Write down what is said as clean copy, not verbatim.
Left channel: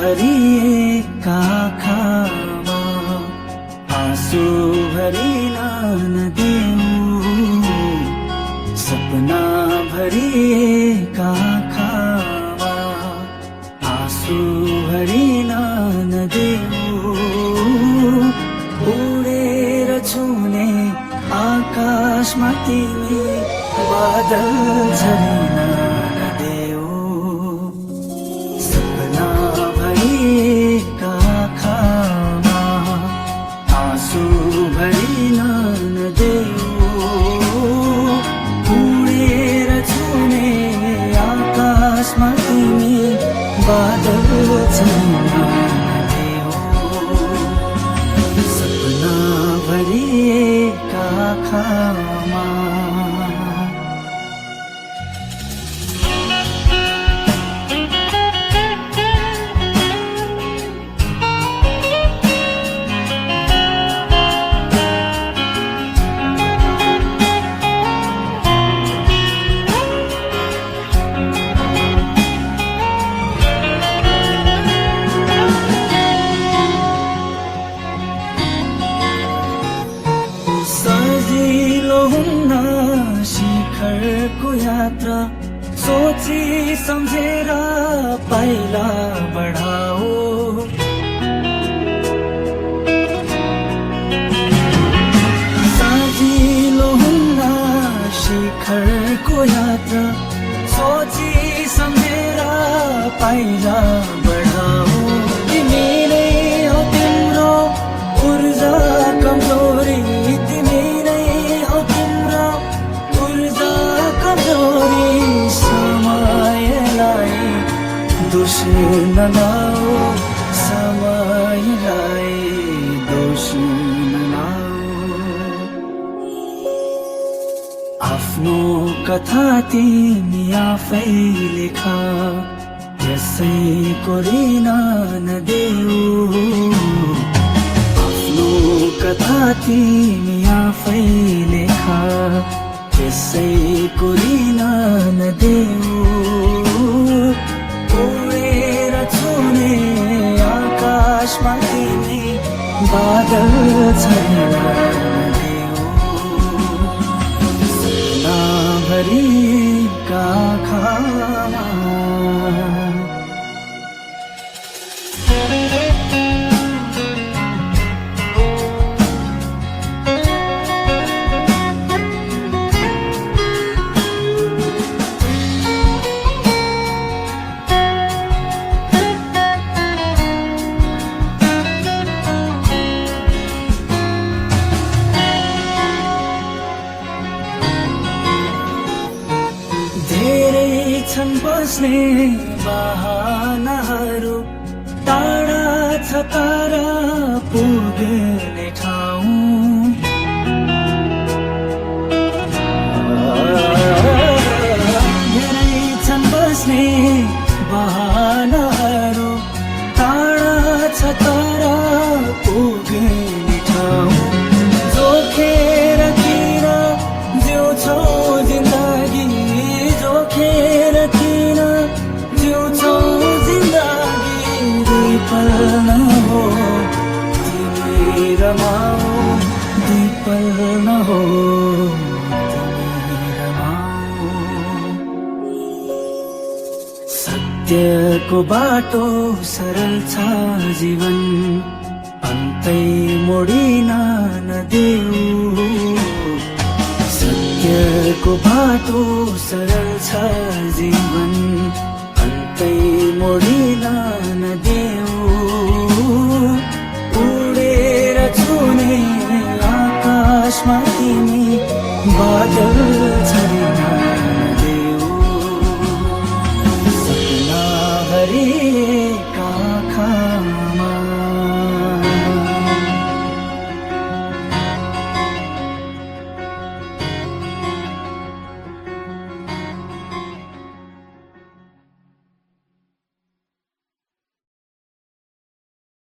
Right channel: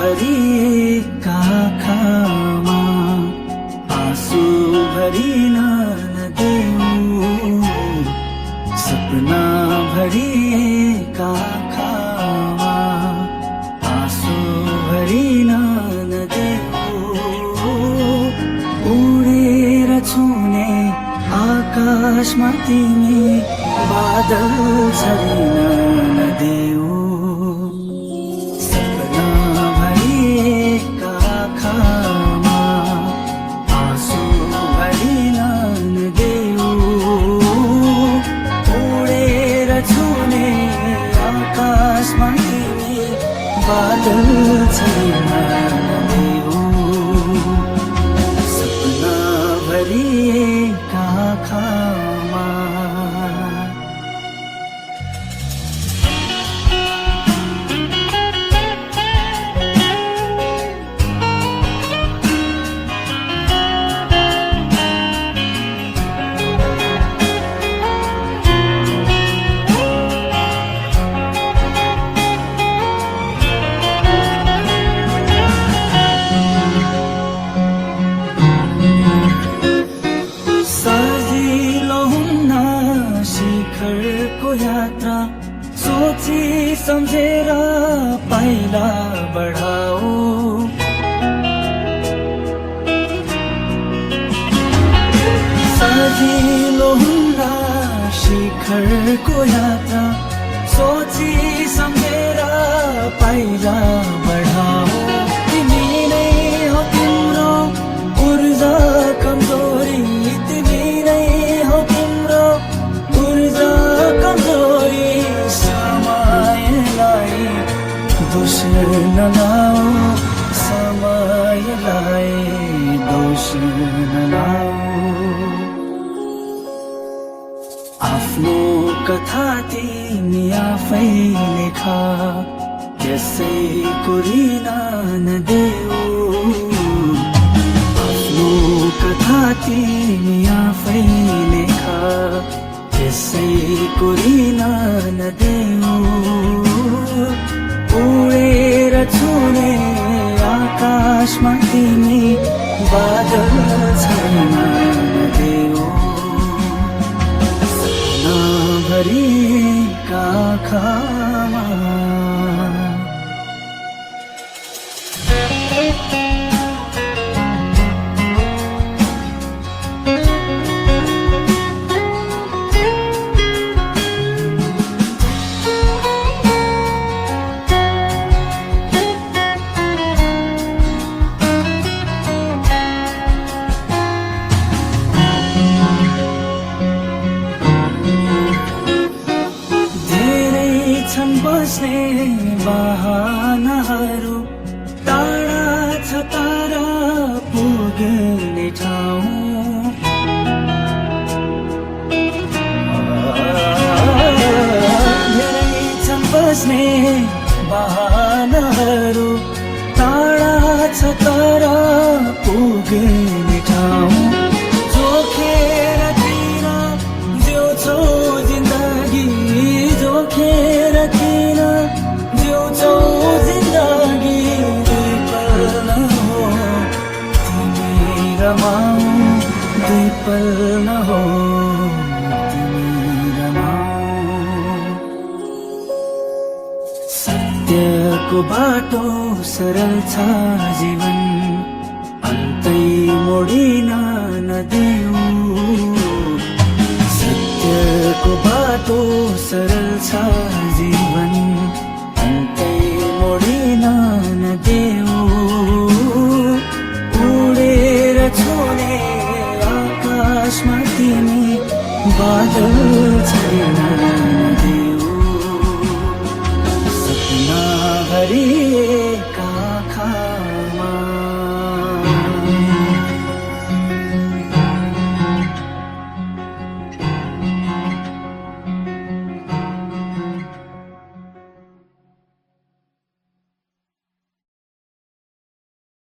भरिएका आँखामा आँसु भरिन नदेऊ, सपना भरिएका आँखामा आँसु भरिन नदेऊ, उडेर छुने आकाशमा तिमी बादल झरिन नदेऊ, सपना भरिएका आँखामा आँसु भरिन नदेऊ, उडेर छुने आकाशमा तिमी बादल झरिन नदेऊ, सपना भरिएका आँखामा। सजिलो हुन्न शिखरको यात्रा, सोची सम्झेर पाइला बढाओ, सजिलो हुन्न शिखरको यात्रा, सोची सम्झेर पाइला बढाओ, तिमी नै हो तिम्रो ऊर्जा कमजोरी, तिमी नै हो तिम्रो ऊर्जा कमजोरी, समयलाई दोष नलाऊ, समयलाई दोष नलाऊ, आफ्नो कथा तिमी आफै लेख, त्यसैको ऋण नदेऊ, कथा तिमी आफै लेख, त्यसैको ऋण नदेऊ, उडेर छुने आकाशमा तिमी बादल झरिन नदेऊ, सपना भरिएका आँखामा। छन् बस्ने बहानाहरू, टाढा छ तारा पुग्ने ठाउँ, धेरै छन् बस्ने बहानाहरू, टाढा छ तारा पुग्ने ठाउँ, जोखेर किन जिउँछौ जिन्दगी, जोखेर किन जिउँछौ जिन्दगी, दुई पल नहो तिमी रमाऊ, दुई पल नहो तिमी रमाऊ, सत्यको बाटो सरल छ जीवन, अन्तै मोडिन नदेऊ, सत्यको बाटो सरल छ जीवन, अन्तै मोडिन नदेऊ, उडेर छुने आकाशमा तिमी बादल झरिन